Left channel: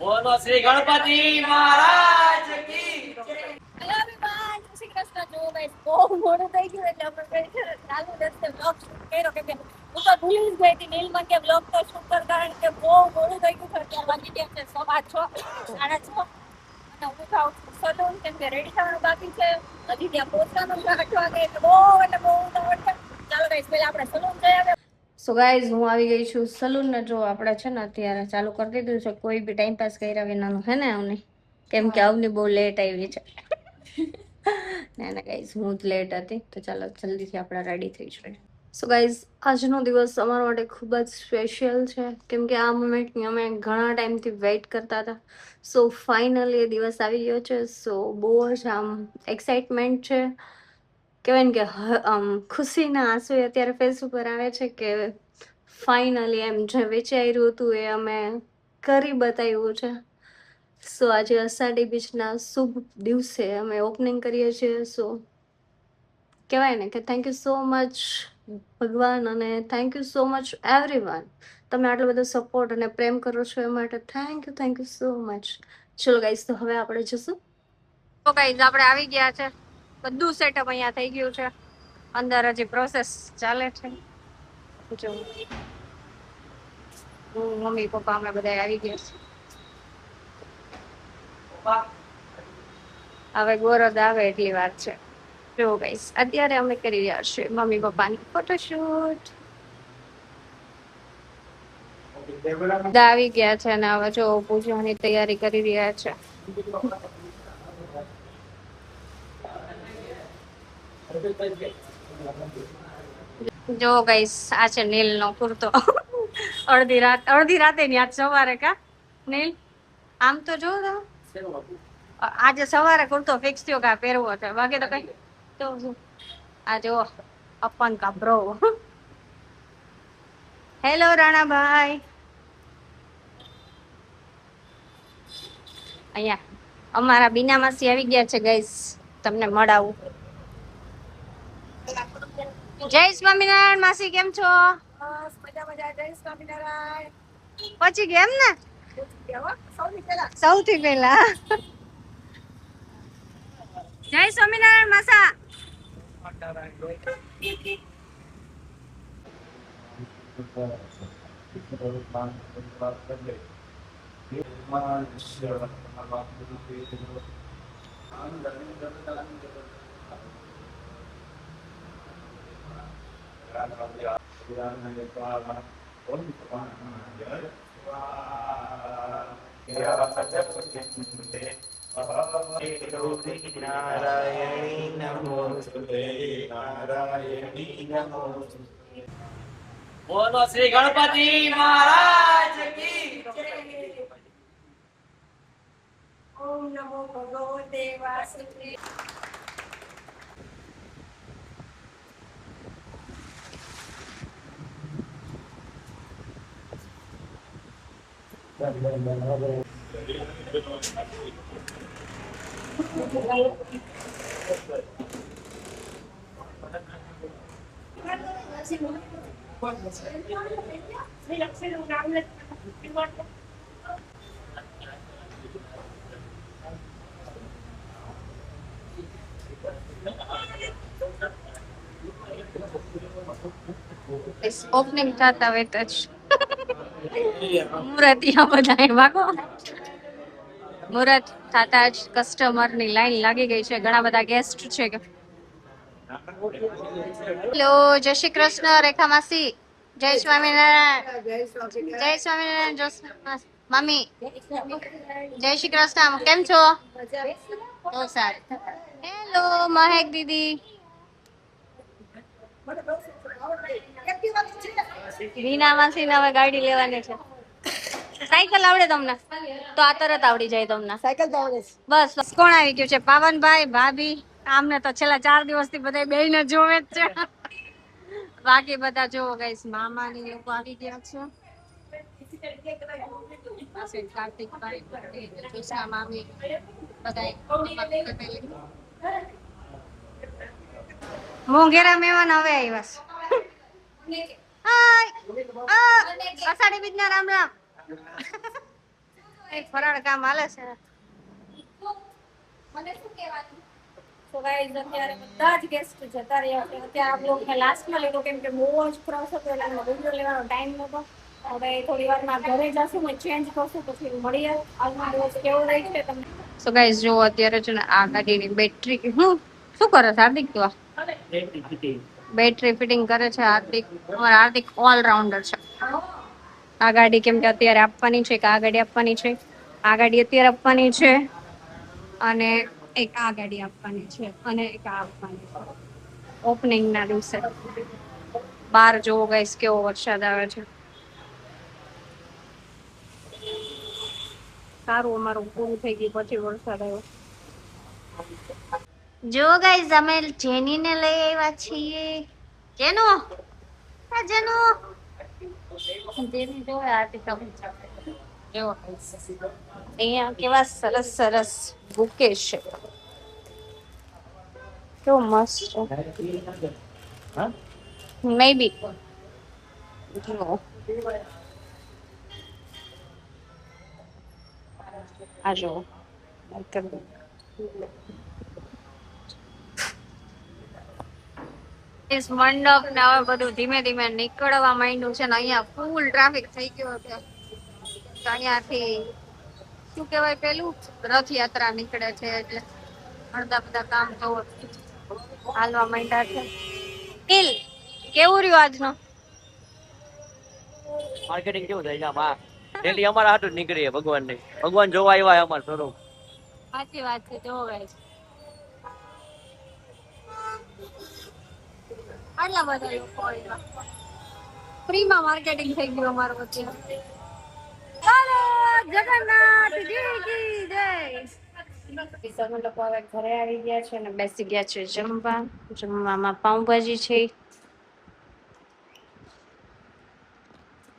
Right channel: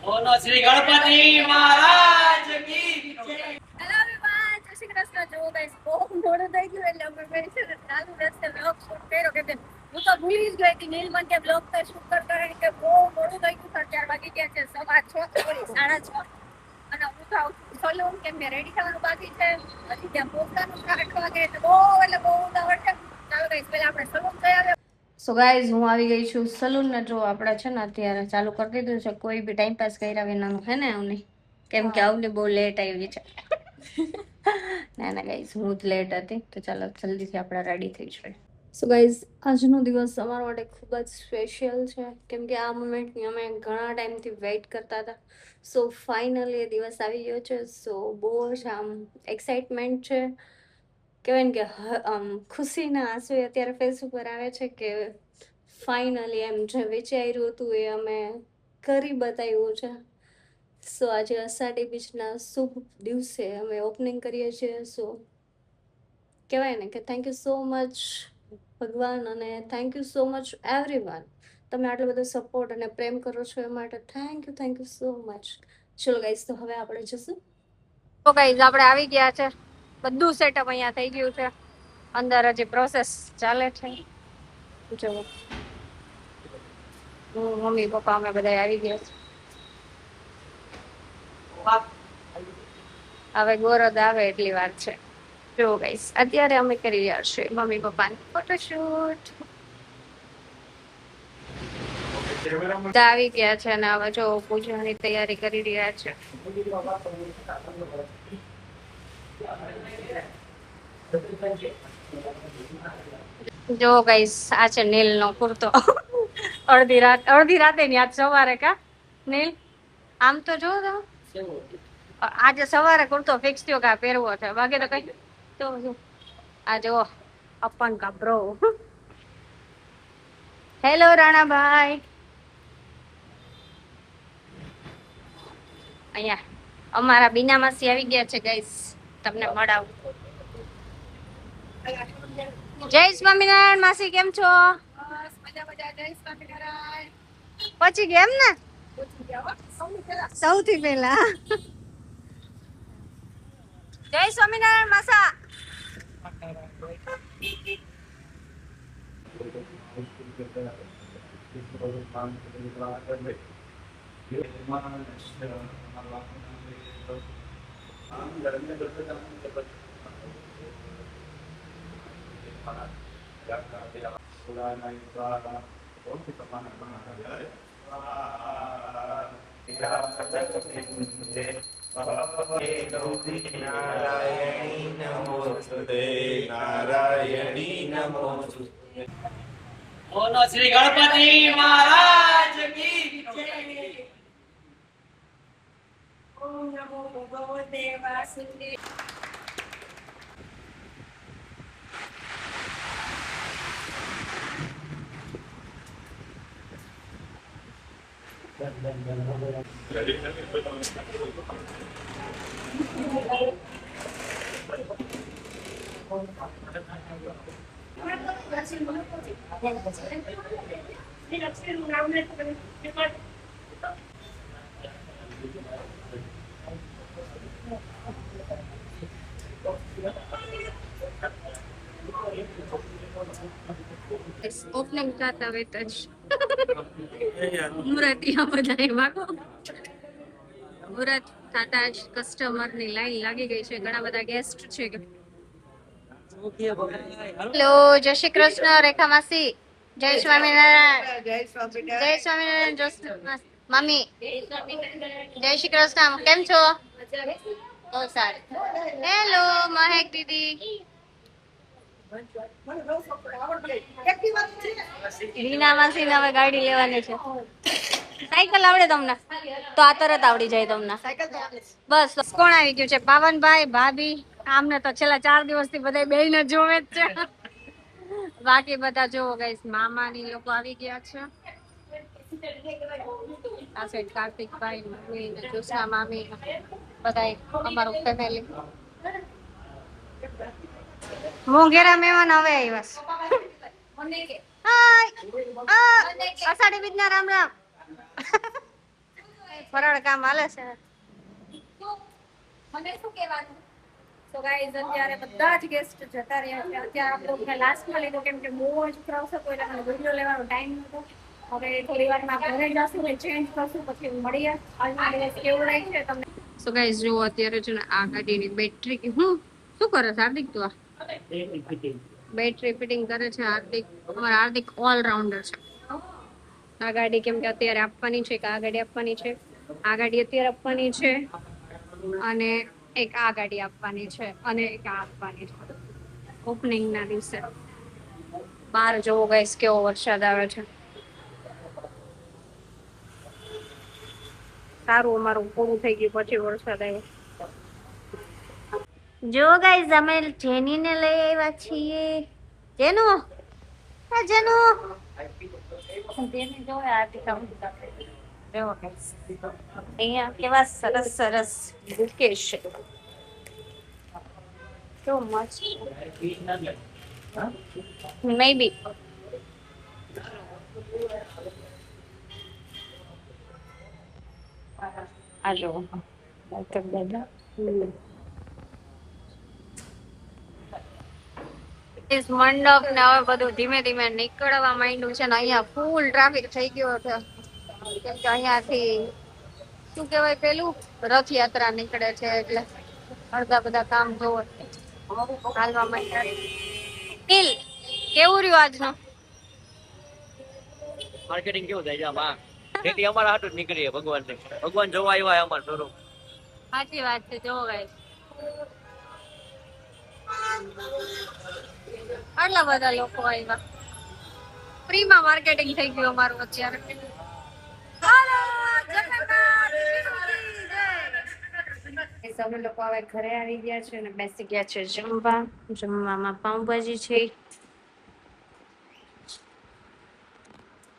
બોલો શ્રી ગણપતિ મહારાજ કી જય। Hello everyone, જય શ્રી કૃષ્ણ। જો ગાઈસ બહુ મોડું થઈ ગયું એટલે અમે ગઈ છે ચાલુ રસ્તે બ્લોગ શૂટ કર્યો કે હું તો ભૂલી જ ગઈ હતી નીલમન કે બ્લોગ તો શૂટ કર કારણ કે બહુ મોડું થઈ ગયું છે। અત્યારે વાગી ગયા છે 6:15 6:30 અને હું જાઉં છું સલૂન કેમ કે રેડી થવાનું બાકી છે। હજી ત્યાં પહોંચવાનું છે 8 વાગે એટલે બહુ ઉતાવળ છે। ચાલો ગાઈસ પહેલા આપણે સલૂન જઈ આવ્યા। સો ગાઈઝ હું આવી ગઈ છું સલૂન ને જો આપણે છે ને અત્યારે ચાલુ કરી દીધું છે કોઈ બી ટાઈમ પાસ કર્યા વિનાનું હે ને અમને કેમ કે આવની બહુ લેટ આવી છે। ના ના ગાઈઝ હું જ લેટ હતી તો ચાલો જલ્દીથી આપણે રેડી થઈ જઈએ। સો ગાઈઝ આજનો દિવસ અમારા માટે ખૂબ જ સ્પેશિયલ છે કેમ કે આ મોમેન્ટની અમે ઘણા ટાઈમથી વેઇટ કરતા હતા। સો ફાઇનલી એ દિવસ આવી ગયો છે। સો બહુ જ આમ એક્સાઇટમેન્ટ છે। કહેવાય ને કે ખુશીના આંસુ અત્યારે ફેસ ઉપર આવે છે કે ફાઇનલી એમ જે વિચાર્યું હતું એ અમે કરી બતાવ્યું છે। સો આજે અષાઢી બીજના શુભ દિવસે અમે ઓપનિંગ કરીએ છીએ। સો કહેવાય ને કે થેન્ક યુ સો મચ ભગવાન અને thank you so much everyone. તમે આટલો બધો સપોર્ટ અને પ્રેમ કરો છો એ માટે થેન્ક યુ સો મચ। ચલો ગાઈસ તો હવે આપણે જશું। તો ગાઈસ આપણે આવી ગયા છે બધું સેટઅપ અહીંયા થઈ ગયું છે। અંદર હજી પ્રોસેસ ચાલે છે જો મમ્મી પપ્પા અમે બધા આવી ગયા છે। હવે ગોરદ આવે એટલી વાર છે। જો ગાઈસ અત્યારે અમે કરી રહ્યા છીએ મમ્મી પપ્પાની ફોટોશૂટ। બધા આવી ગયા છે અને હવે જો પૂજાની તૈયારી કરી રહ્યા છે। જો ગાઈસ આ છે નીલ નો કુર્તો। અડધી રાતે ની આજ સવારે કા નીલ આમ તો જો આજે સવારે કુર્તો ફિક્સ થયો કે પહેરવો છે બાકી તો કઈ તો શું આ જો અપન કા બ્રો। હેલો રાણાભાઈ અહીંયા અમારા બીના માસી આવી ગયા છે ગાઈસ તમને મળાવું। જય સ્વામિનારાયણ માસી કેમ છો? બસ મજા મજા જય સ્વામિનારાયણ। પછી ગયા એમ ને સૌથી પહેલા જય સ્વામિનારાયણ માસા। બોલો શ્રી ગણપતિ મહારાજ કી જય। ઓમ નમો ભગવતે વાસુદેવ। ઓપનિંગ થતા વેત જ મુરતિયા બધા વાગો મુરત થતા જ કસ્ટમર ની લાઈન લાગી ગઈ છે ઘણા બધા ગેસ્ટ છે કે હેલો જય શ્રી કૃષ્ણ રેખા માસી જય સ્વામિનારાયણ જય સ્વામિનારાયણ મમ્મી જય શ્રી કૃષ્ણ કેમ છો? બહુ સારું। હેલો મહેક દીદી રીના માસી ને હવે ગાડી લેવાની છે। સાયકલ આવડે તમને તો આ તરત આવડી જાય તમને બસ કોણ આવી ગયું છે પાવનભાઈ ભાભી આમને તો છેલ્લા 4 દિવસથી બધા બેયને જોવે જ છે। બાકી બધા જોવો ગાઈસ મામાની લોકો આવી ગયા છે। આ સાઈડ કાર્તિકભાઈ મમ્મી જોશના મામી બધા અમારું ફેમિલી મોંઘેરા મહેમાન હવે આવ્યા। હાય અષાઢી બીજના રામ રામ। કઈ ફરાળ કામ હાલે છે. મને શું કહેવાનું? તો ગાઈઝ અત્યારે બધા જ ગેસ્ટ જતા રહ્યા છે. અત્યારે આપ લોકોને લાસ્ટમાં લીધો કેમ કે બહુ જ ક્રાઉડ હતો એટલે મને વિડીયો લેવાનો ટાઈમ નહોતો. હવે થોડી વારમાં ઘરે જશું ને ચેન્જ કરશું પછી મળીએ. આજનો દિવસ કેવો રહી છે તમને. સો ગાઈઝ જો અત્યારે છે ને આ ગાડીની બેટરી શું કરે છે હાર્દિક? તો બેટરી ફિટિંગ કરે છે હાર્દિક. અમારા હાર્દિક ઓલરાઉન્ડર છે. આ ગાડી કેમ કે અત્યારે આપવાની છે, કે આ ગાડી આપવાની છે, આ ગાડી અત્યારે આપવાની છે, અને એક આ ગાડી આપવાની છે, અને એક આ આપવાની છે ઓપનિંગ ના દિવસે. બહાર જોવો ગાઈસ કેવો વરસાદ આવે છે. સારું અમારું પૂરું થઈ ગયું પછી વરસાદ આવ્યો. જો ગાઈસ અમે જેનીને લઈ આવ્યા છીએ. જેનુ હા જેનુ જેની જો આર્ટિકા જો અહીંયા કેવા સરસ સરસ બુકે છે. તો મસ્ત મે બી આ જો મંડપ ને હવે બધું ધીમે ધીમે નીકળવા માંડ્યું છે ને અહીંયા ફૂલ ટ્રાફિક થઈ ગયો છે કેમ કે અહીંયાથી શું કહેવાય પેલું રથયાત્રા નીકળે છે એટલે અડધા બધા કામ જોવો હાલવા માંડ્યા છે. દિલ કેવું રહ્યું આજનું માર્કેટિંગ કેવું થાય છે આમાં ડેલી અમારા હાટુ જ નીકળીએ ભગવાન જોવા આવ્યા અમાર સ્વરૂપ. સાચી વાત છે. જોવો ગાઈસ આટલા બધા લોકો આવ્યા. ફ્રીમાં માર્કેટિંગ થઈ ગયું અમારું અત્યારે. બોલો જગન્નાથજી કી જય. અમે લોકો હવે ઘરે આવી ગયા છે અને બેસી ગયા છે જમવા. જમવામાં પાઉંભાજી છે,